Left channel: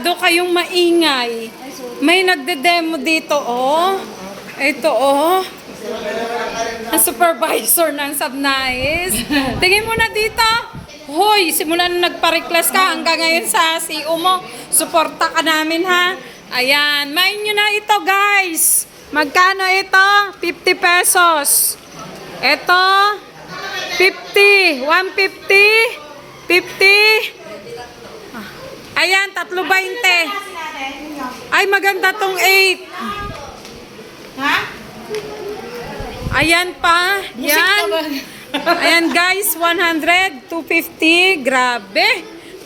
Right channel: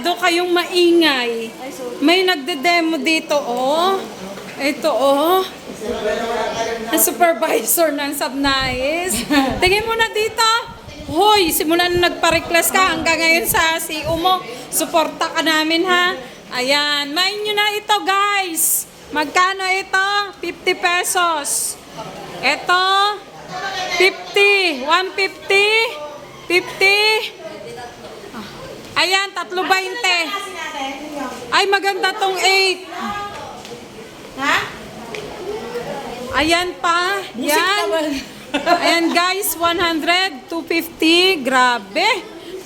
Kayong maingay. May nagde-demo dito, oh. Ito, oh. Ang supervisor ng Subnais. Tingin mo na dito. Hoy, simula na nagpa-request ka hanggang ngayon sa CEO mo. Suporta ka namin, ha? Ayan. Main nyo na ito, guys. Magkano ito? 50 pesos. Ito, 50. 150. 50. Ayan, 3.20. Ay, maganda tong 8. Ha? Ayan pa. Yan. Ayan guys, 100, 250. Grabe.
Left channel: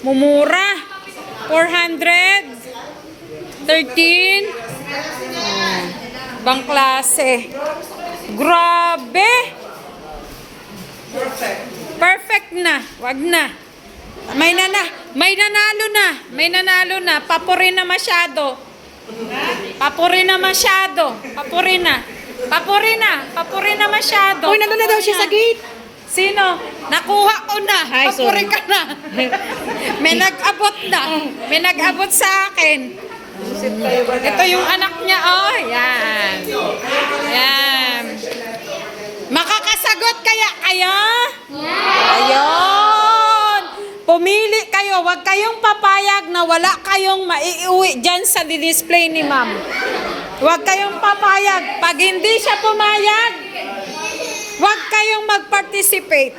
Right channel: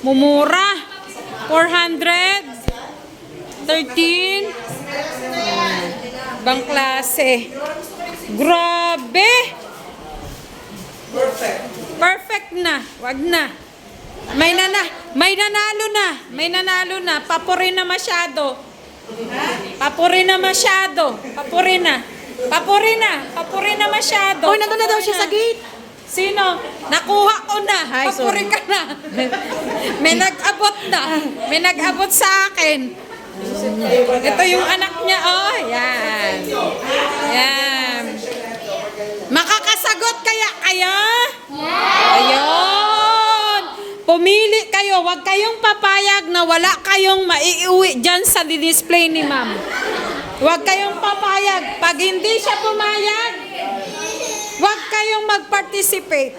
Mumura. 400. 13. Bang klase. Grabe. Perfect na. Wag na. May nanalo na. May nanalo na. Papurin na masyado. Papurin na masyado. Papurin na. Papurin na. Papurin na masyado. Uy, nandun na daw siya sa gate. Sino? Nakuha ko na. Ay, Papurin sorry. ka na. May nag-abot na. May nag-abot sa akin. Ito yung anak niya. Oh, yan. Yan. Makakasagot kaya kayo? Ayun. Pumili kayo. Huwag kayong papayag na wala kayong maiuwi dyan sa display ni ma'am. Huwag kayong papayag. Pag hindi siya pumayag, huwag kayong mag-participate.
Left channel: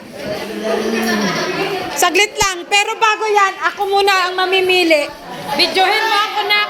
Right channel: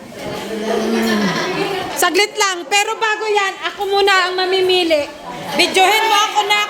Saglit lang. Pero bago yan, ako muna ang mamimili. Videohin mo ako na.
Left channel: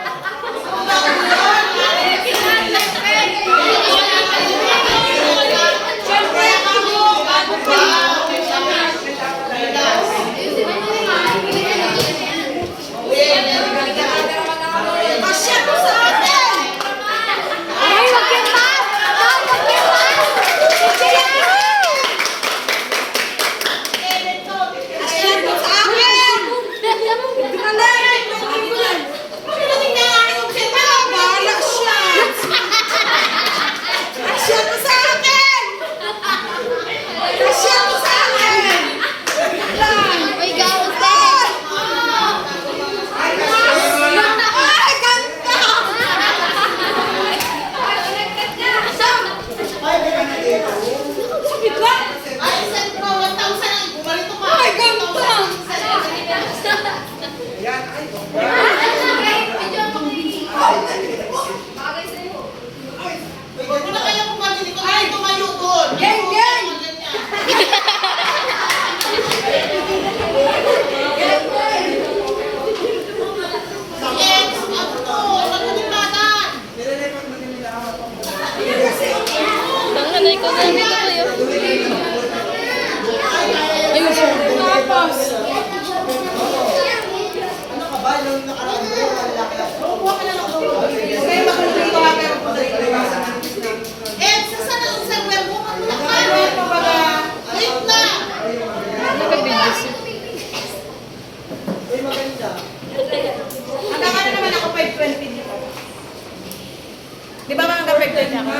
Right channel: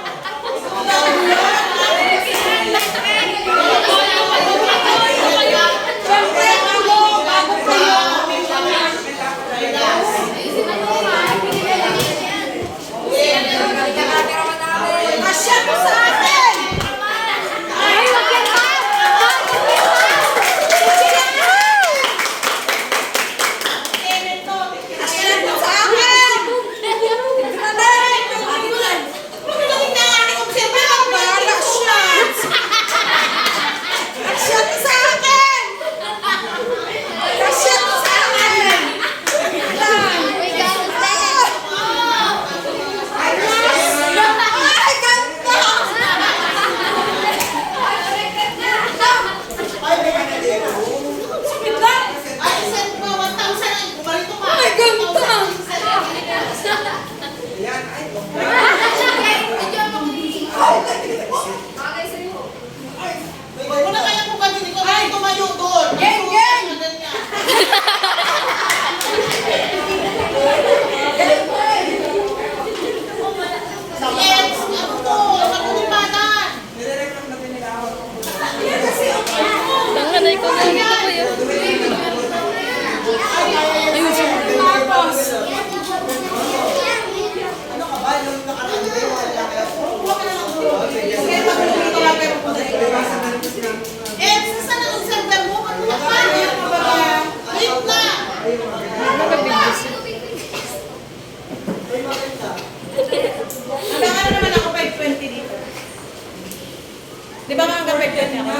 Di ba mga kapagdan niya ako?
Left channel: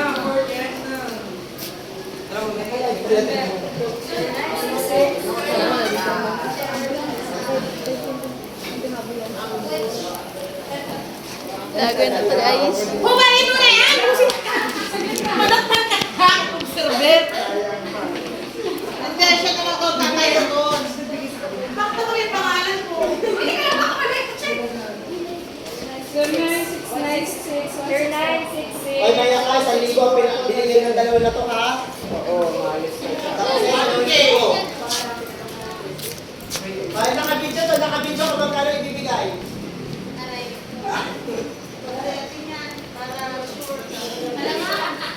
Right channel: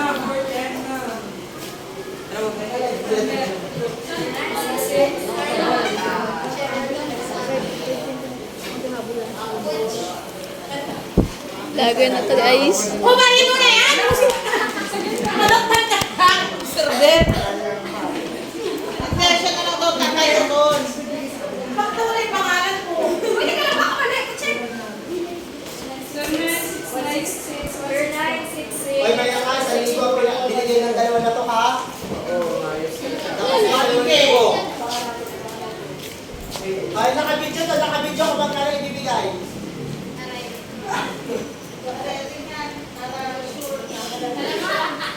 Lagay na ito, guys. Humayin mo na yan! Malakman ka ha! Observer! Hindi, siya ka lang daw tatay doon. Bakit mo na yung pangalan ko? Hindi ka lang makapalit! Check! 0966 Ay, maya ka, sa linggo, binigay ng dalawa na to, ha? Oo, ayos. Tapos,